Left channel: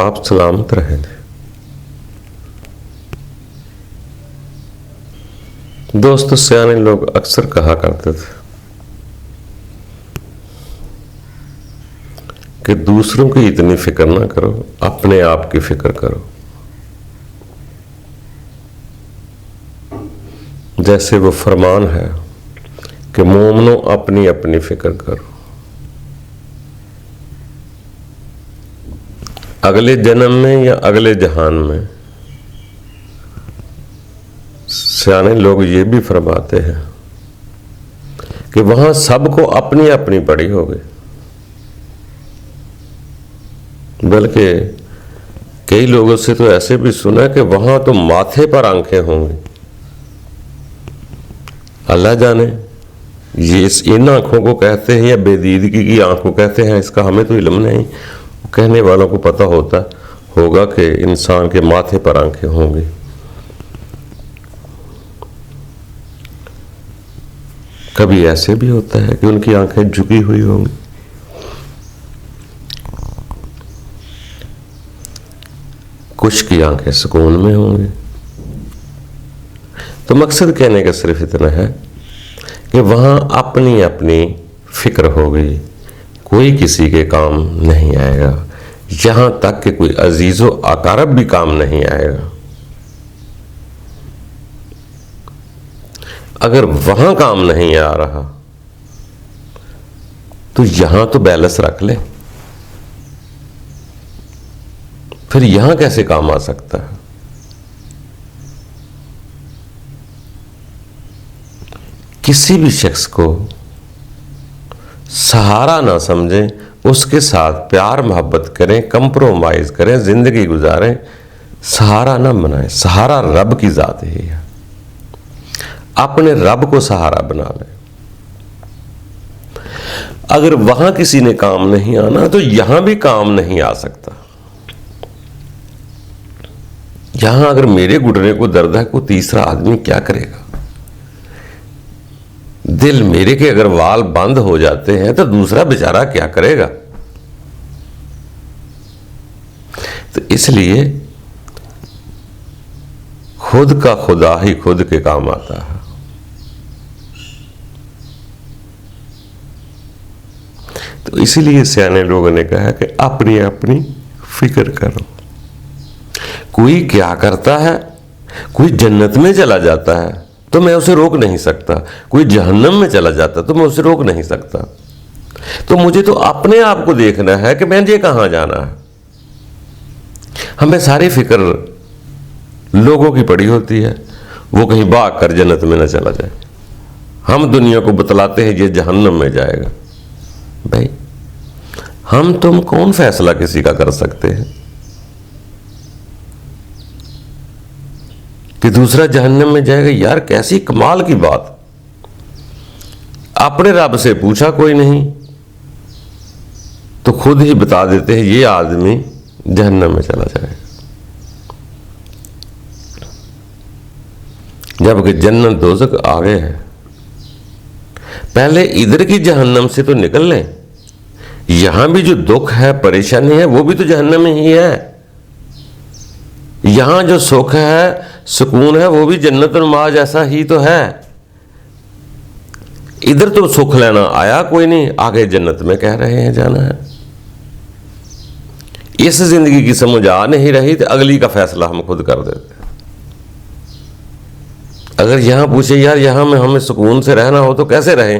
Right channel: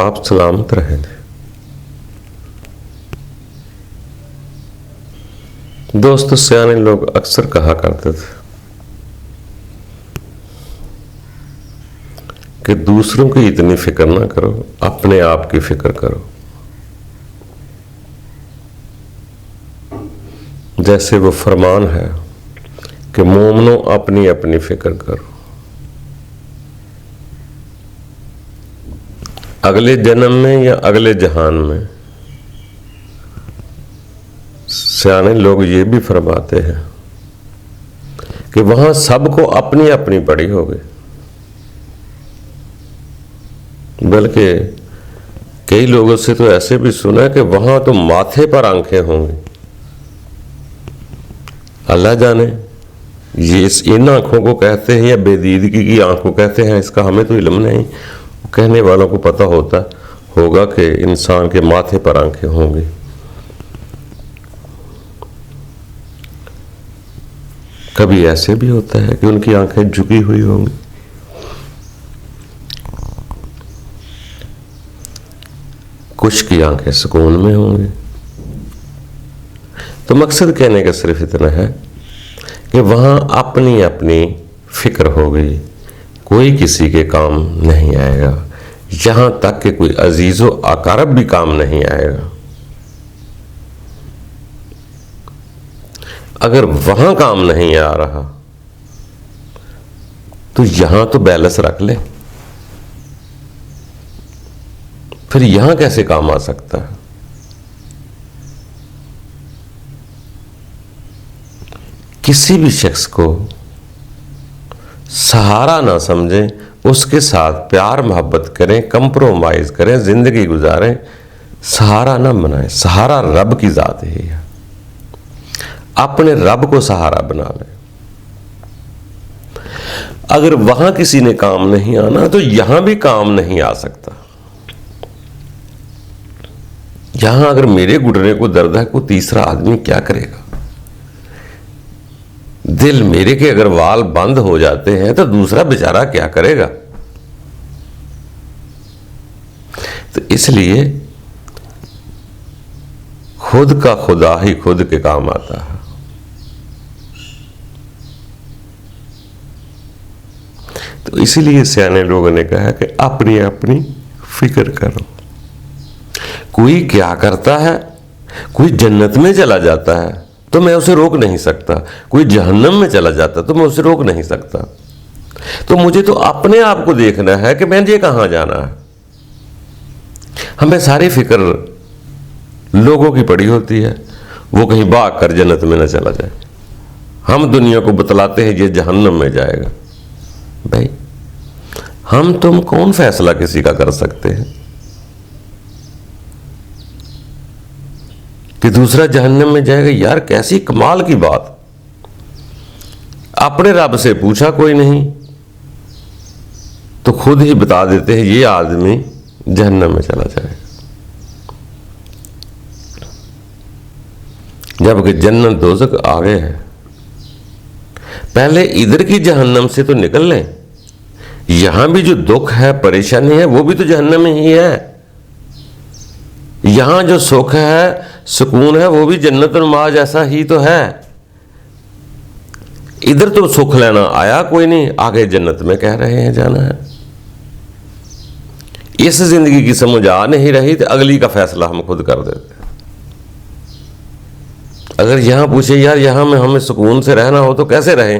آپ سلامت رہیں۔ دوستو، سیانے لوگ اکثر کہا کرتے تھے کہ دوسروں کی اتنی فکر نہ کرو، اپنے آپ کی فکر کرو۔ جیسے وہ فرمان ہے کہ مومنو اپنی اپنی فکر کرو، اگلے جنم میں یا اگلے جہان میں۔ سیانے لوگ یہ بھی فرماتے ہیں کہ وہاں سب کو اپنی اپنی پڑی ہوگی، بلکہ کئی لوگوں سے تو ایسے بھی سنا کہ وہاں تو ماتھے پر آنکھیں ہوں گی۔ اللہ جانے یہ ان آنکھوں کو کہتے ہیں یا بے دیدگی کی آنکھوں کہتے ہیں، اس کا ہمیں تو علم نہیں۔ کہنے والوں کو پتہ ہوگا کہ انسان کے ماتھے پر آنکھیں ہوں گی۔ کبھی ایسے بھی ہوتا ہے کہ ان کی آنکھیں جھکی ہوئی ہوں گی۔ کچھ کی آنکھیں سکون میں ہوں گی۔ تو مقصد کہنے کا صرف اتنا ہے کہ وہاں اپنی اپنی فکر ہوگی، کوئی کسی کے کام نہیں آئے گا، یہاں تک کہ کوئی عزیز و اقارب بھی کام نہیں آئے گا۔ اگر وہاں کام نہیں آ رہا تو یہاں تو بیلنس رکھ لیں، پھر یہاں کیسے کام آ سکتا ہے؟ کسی بھی شخص کو سہارا نہ سمجھیں، اس کے ساتھ پیار محبت کریں، کمپرومائز کریں، زندگی گزاریں، سہارا نہ بنائیں۔ سہارا رب کی ذات ہے، اپنے رب کو سہارا بنا لیں۔ اگر وہاں کسی نے کام نہیں آنا تو یہاں بھی کام نہیں آ سکتا۔ یہاں اگر میرے گھٹنے کو درد ہے، کوئی تیسرا آدمی کیا کرے گا؟ دل میرے کے اگر وال بند ہو جاتے ہیں تو دوسرا بیچارہ کیا کرے گا؟ تو اس لیے خود کا خدا ہی خود کے کام آتا ہے۔ تو اسی لیے سیانے لوگوں نے کہا کہ اپنی اپنی فکر کرو۔ کوئی کیا کرتا ہے، کوئی جنت میں چلا جاتا ہے تو میں اسے روک نہیں سکتا، کوئی جہنم میں چلا جاتا تو میں اسے روک نہیں سکتا۔ تو مجھے تو اپنے آپ کو دیکھنا ہے کہ میں کہاں جانا ہے۔ ہمیں ساری فکر لوگوں کی پڑی ہوتی ہے، وہ کہیں بھاگ کر جنت میں نہ چلا جائے۔ ہم دنیا کو بتلاتے ہیں یہ جہنم میں جائے گا۔ بھائی ہم تم کون فیصلہ کسی کا کر سکتے ہیں کہ دوسرا جہنم میں جائے گا؟ یار کیسی کمال کی بات! اپنے رب سے پوچھا کوئی نہیں تو خود ہی بتا دیتے ہیں یہ آدمی جہنم میں چلا جائے، جبکہ جنت دوزخ آگے ہے۔ پہلے ادھر کی جہنم سے تو نکل لیں، یہاں بھی جو دکھ ہے، پریشانی ہے، وہ بھی تو جہنم میں ہی ہے۔ یہاں جو سکھ ہے، سکون ہے، وہ بھی جنت نما جیسا ہی تو ہے۔ ادھر تو سکھ لینا آیا کوئی نہیں، آگے جنت میں کہہ رہے ہیں جانا ہے۔ اس زندگی کی سمجھ آ نہیں رہی تو اگلی کا فیصلہ ہم خود کر دیتے ہیں۔ اگر یہاں پوچھے یار یہاں میں ہمیں سکون سے رہنا ہو تو کیسے رہیں،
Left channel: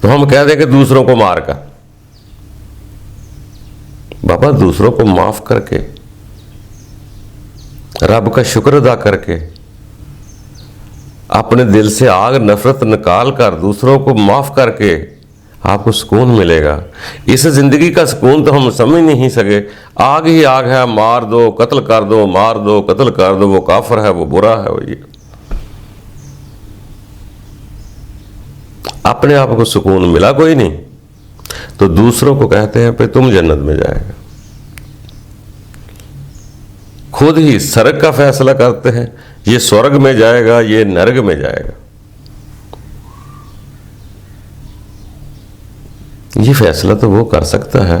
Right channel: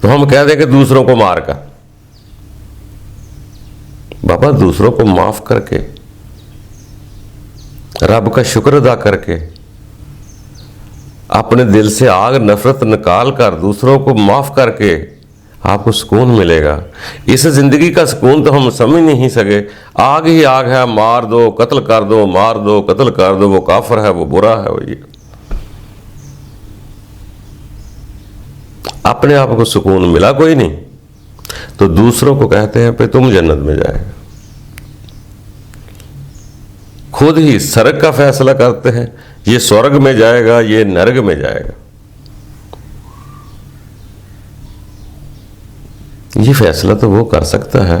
تو ہم کہہ دیں کہ دوسروں کو مار کر۔ بابا دوسروں کو معاف کر کے، رب کا شکر ادا کر کے، اپنے دل سے آگ نفرت نکال کر، دوسروں کو معاف کر کے آپ کو سکون ملے گا۔ اس زندگی کا سکون تو ہم سمجھ نہیں سکے۔ آگ ہی آگ ہے، مار دو، قتل کر دو، مار دو، قتل کر دو، وہ کافر ہے، وہ برا ہے، وہ یہ۔ اپنے آپ کو سکون ملا کوئی نہیں تو دوسروں کو کہتے ہیں کہ تم جنت میں جائے گا۔ خود ہی سرگ کا فیصلہ کرتے ہیں، یہ سورگ میں جائے گا، یہ نرگ میں جائے گا۔ یہ فیصلہ تو وہ کر سکتا ہے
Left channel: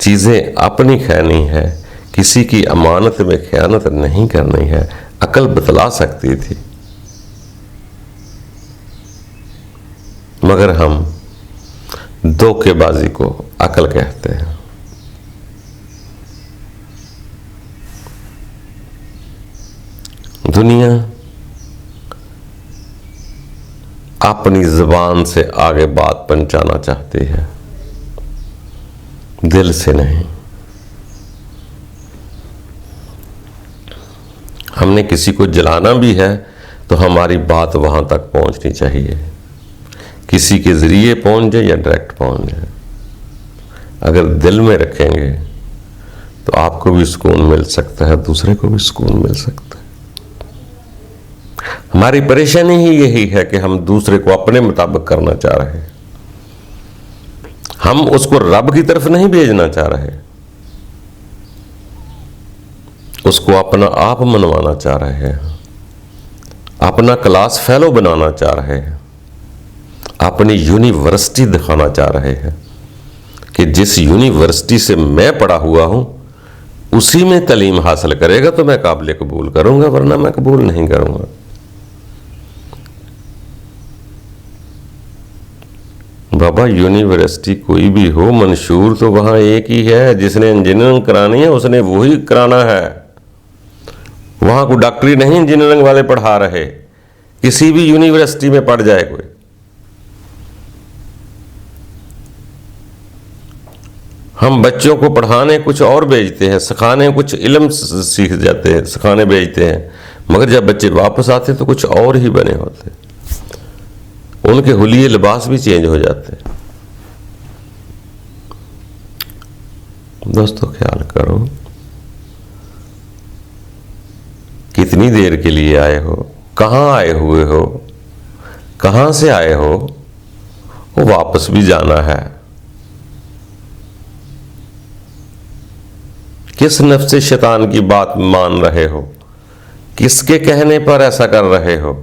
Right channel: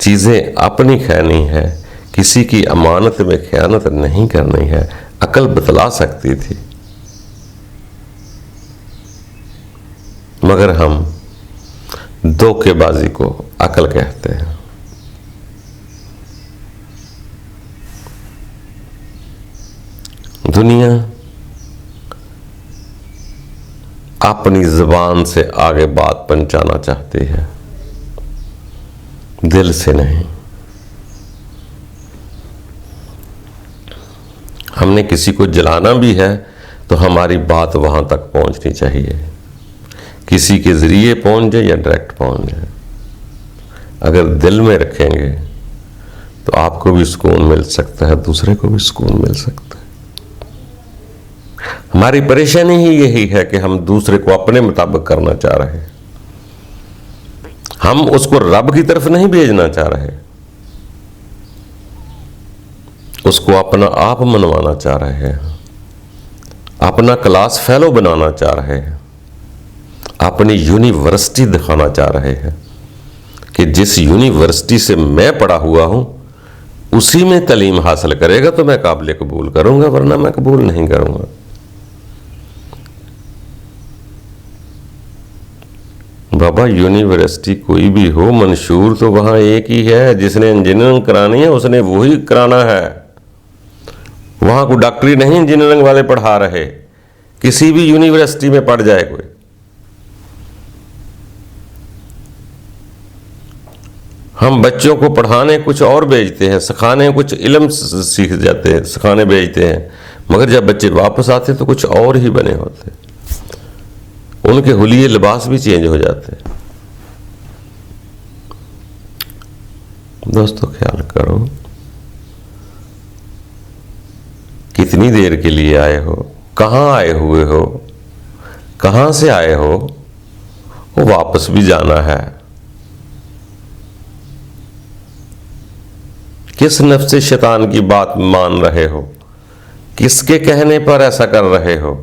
چیزیں اپنی کھانی ہے، کسی کی امانت میں خیانت نہیں کرنی ہے، عقل بتلا سکتی تھی، مگر ہم دھوکے بازی کو عقل کہتے ہیں۔ دنیا اپنی زبان سے آگے بات پہنچانا چاہتی ہے، دل سے نہیں۔ ہم نے کسی کو جلانا بھی ہے تو ہماری بات وہاں تک پہنچنی چاہیے، کسی کے ذریعے پہنچ جائے یا ڈائریکٹ پہنچ جائے۔ اگر دل میں رکھیں گے تو آپ کو بھی سکون مل سکتا ہے، دوسرے کو بھی سکون مل سکتا ہے۔ ہماری پریشانی ہی یہی ہے کہ ہم دوسرے کو اپنے مطابق کرنا چاہ رہے ہیں، ہم اس کو رب کی طرف نہیں بھیجنا چاہ رہے، اس کو اپنا آپ منوانا چاہ رہے ہیں، اپنا کلاس فیلو بنانا چاہ رہے ہیں، اپنی یونیورسٹی دکھانا چاہ رہے ہیں کہ جس یونیورسٹی سے میں پڑھا ہوا ہوں اسی میں تعلیم حاصل کرے گا تو میں قابل قبول کروں گا، ورنہ میں قبول نہیں کروں گا۔ بابا یونیورسٹی کوئی بھی ہو، منشور تو وہاں ایک ہی ہے، جس نے انجینئرنگ کرانی ہے اس نے وہی کرانا ہے، وہاں کوئی ڈاکٹری نہیں انجینئرنگ والے پڑھا رہے، کسی بھی یونیورسٹی میں پڑھ جائے کوئی۔ ہم بچوں کو پڑھانے کچھ اور بھیجتے ہیں، سکھانے کچھ علم سیکھ جاتے ہیں، سکھانے بھیجتے ہیں، مگر جب بچے واپس آتے تو کچھ اور ہی بنے ہوتے، ان کے حلیے لباس بھی چینج ہو جاتے۔ دوستو خیال کرو، کتنی دیر کے لیے آئے ہو، کہاں آئے ہوئے ہو، کہاں سے آئے ہو، وہ واپس بھی جانا ہے۔ کس نفس شیطان کی بات مان رہے ہو، کس کے کہنے پر ایسا کر رہے ہو،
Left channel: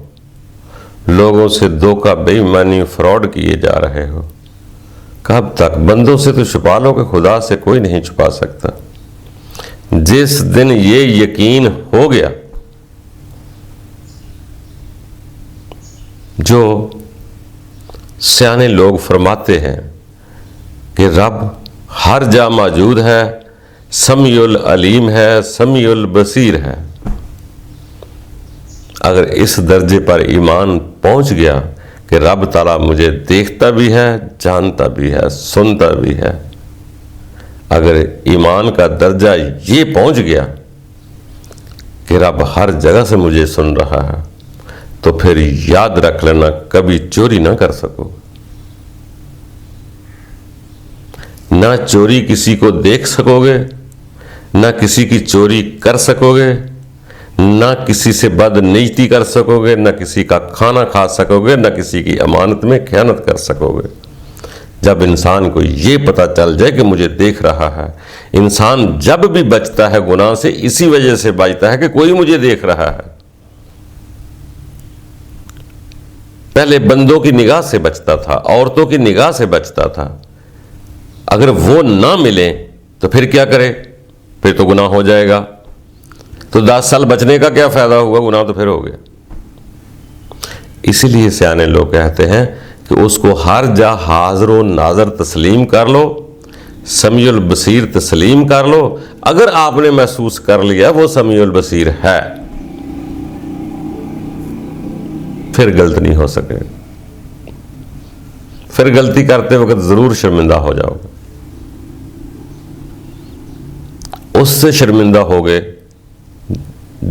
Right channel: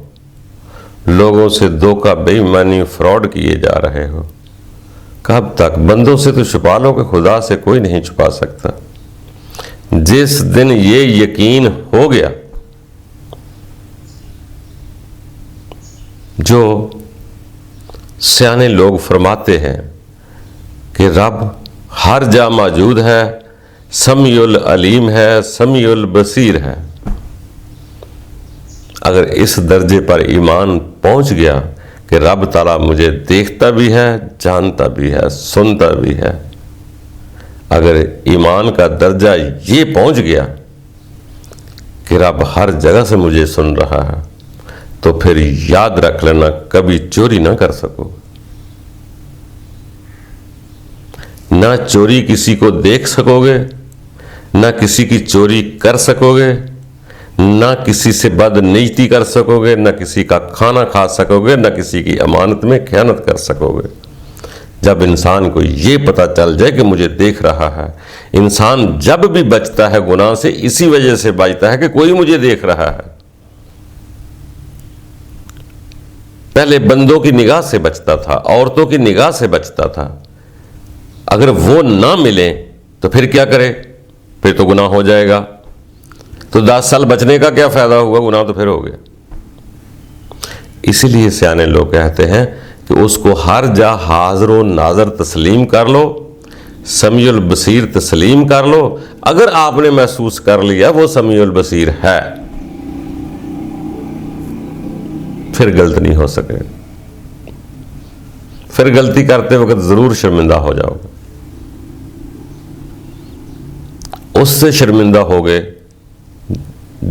لوگوں سے دھوکہ، بے ایمانی، فراڈ کیے جا رہے ہو، کب تک؟ بندوں سے تو چھپا لو کہ خدا سے کوئی نہیں چھپا سکتا۔ جس دن یہ یقین ہو گیا، جو سیانے لوگ فرماتے ہیں کہ رب ہر جا موجود ہے، سمیع العلیم ہے، سمیع البصیر ہے، اگر اس درجے پر ایمان پہنچ گیا کہ رب تعالیٰ مجھے دیکھتا بھی ہے، جانتا بھی ہے، سنتا بھی ہے، اگر ایمان کا درجہ یہ پہنچ گیا کہ رب ہر جگہ سے مجھے سن رہا ہے، تو پھر یاد رکھ لینا کبھی چوری نہ کر سکو، نہ چوری کسی کو دیکھ سکو گے، نہ کسی کی چوری کر سکو گے، نہ کسی سے بد نیتی کر سکو گے، نہ کسی کا کھانا کھا سکو گے، نہ کسی کی امانت میں خیانت کر سکو گے۔ جب انسان کو یہ پتا چل جائے کہ مجھے دیکھ رہا ہے، انسان جب بھی بچتا ہے گناہ سے اسی وجہ سے بچتا ہے کہ کوئی مجھے دیکھ رہا ہے۔ پہلے بندوں کی نگاہ سے بچتا تھا، عورتوں کی نگاہ سے بچتا تھا، اگر وہ نہ ملے تو پھر کیا کرے؟ پھر تو گناہ ہو جائے گا، تو 10 سال بچنے کا کیا فائدہ ہوا، گناہ تو پھر ہو گیا۔ اسی لیے سیانے لوگ کہتے ہیں کہ اس کو ہر جا حاضر و ناظر تسلیم کر لو، سمیع البصیر تسلیم کر لو۔ اگر آپ نے محسوس کر لیا وہ سمیع البصیر ہے، پھر غلط نہیں ہو سکے، پھر غلطی کرتے وقت ضرور شرمندہ ہو جاؤ گے، اس سے شرمندہ ہو گئے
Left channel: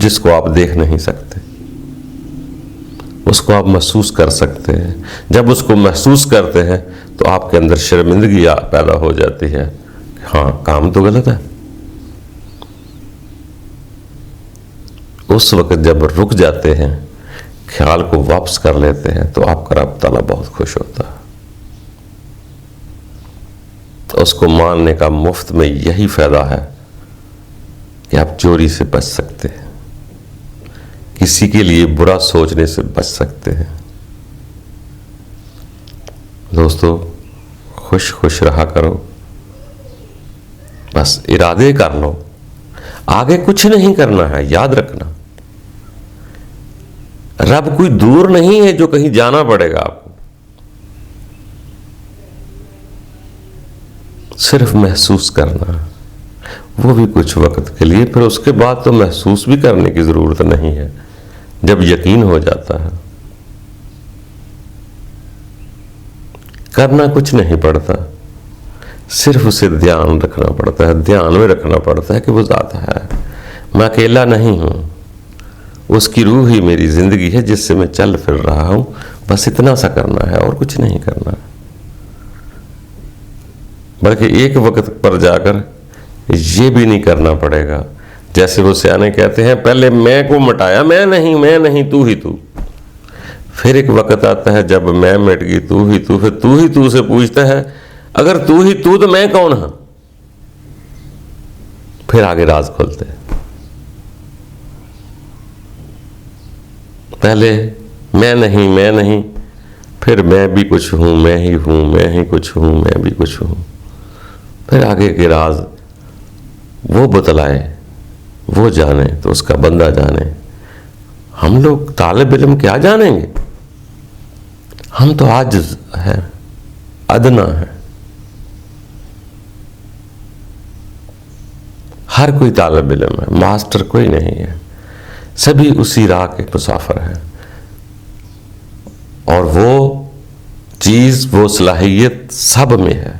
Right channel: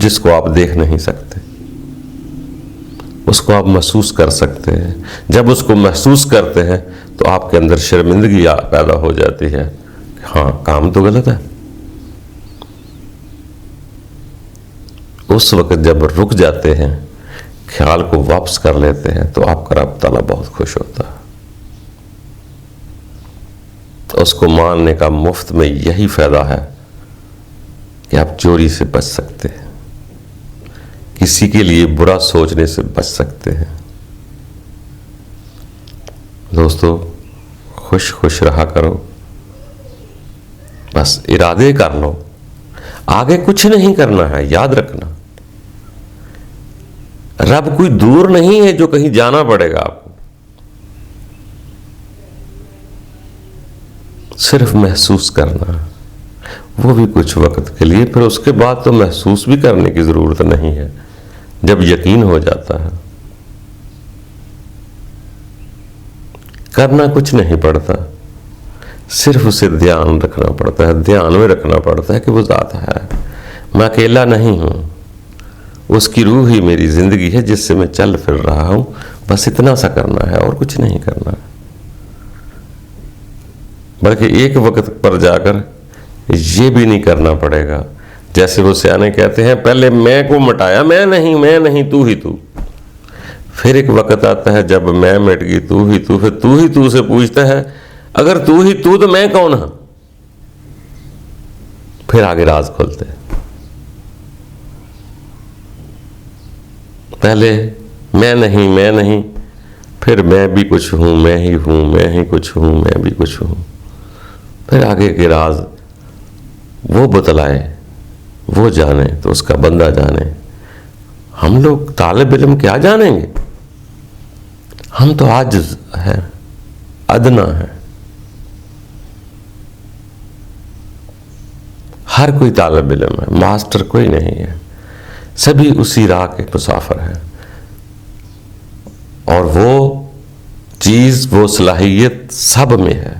جس کو آپ دیکھ نہیں سکتے، اس کو آپ محسوس کر سکتے ہیں۔ جب اس کو محسوس کرتے ہیں تو آپ کے اندر شرمندگی پیدا ہو جاتی ہے، ہاں کام تو غلط ہے۔ اس وقت جب رک جاتے ہیں، خیال کو واپس کر لیتے ہیں، تو آپ کا رب تعالیٰ بہت خوش ہوتا ہے۔ اس کو ماننے کا مفت میں یہی فائدہ ہے کہ آپ چوری سے بچ سکتے ہیں، کسی کے لیے برا سوچنے سے بچ سکتے ہیں۔ دوستو خوش خوش رہا کرو، بس ارادے کر لو، آگے کچھ نہیں کرنا ہے. یاد رکھنا رب کوئی دور نہیں ہے جو کہیں جانا پڑے گا آپ کو، صرف محسوس کرنا، وہ بھی کچھ وقت کے لیے. پھر اس کے بعد تو محسوس بھی کرنے کی ضرورت نہیں ہے. جب یقین ہو جاتا ہے کرنا کچھ نہیں پڑتا، صرف اسے دھیان رکھنا پڑتا ہے. دھیان میں رکھنا پڑتا ہے کہ وہ ذات ہے، میں اکیلا نہیں ہوں، اس کی روح ہی میری زندگی ہے جس سے میں چل پھر رہا ہوں. بس اتنا سا کرنا ہے اور کچھ نہیں کرنا، بلکہ ایک وقت پر جا کر یہ بھی نہیں کرنا پڑے گا. جیسے وہ سیانے کہتے ہیں پہلے میں کو مٹایا، میں نہیں تو ہی تو. پھر ایک وقت آتا ہے جب میں مٹ گئی تو ہی تو، پھر تو ہی تو سے پوچھتا ہے اگر تو ہی تو میں کون ہوں؟ پھر آگے راز کھولتے ہیں. پہلے میں نہیں، پھر میں بھی کچھ ہوں، میں ہی کچھ ہوں، میں بھی کچھ ہوں. پھر آگے کے راز وہ بتلائے، وہ جانے تو اس کا بندہ جانے. ہم لوگ طالب علم کیا جانیں گے؟ ہم تو عاجز ہیں، ادنا ہے. ہر کوئی طالب علم ہے، ماسٹر کوئی نہیں ہے، سبھی اسی راہ کے مسافر ہیں. اور وہ چیز، وہ صلاحیت سب میں ہے،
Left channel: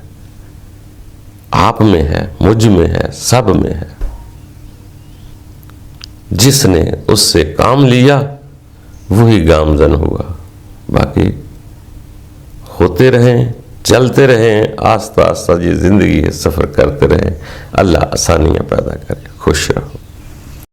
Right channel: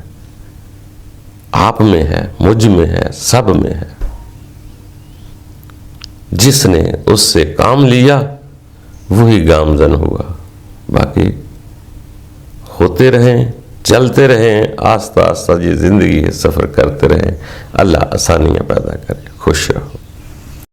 آپ میں ہے، مجھ میں ہے، سب میں ہے. جس نے اس سے کام لیا وہی گامزن ہوا. باقی ہوتے رہیں، چلتے رہیں، آہستہ آہستہ یہ زندگی ہے، سفر کرتے رہیں. اللہ آسانیاں پیدا کرے. خوش رہو.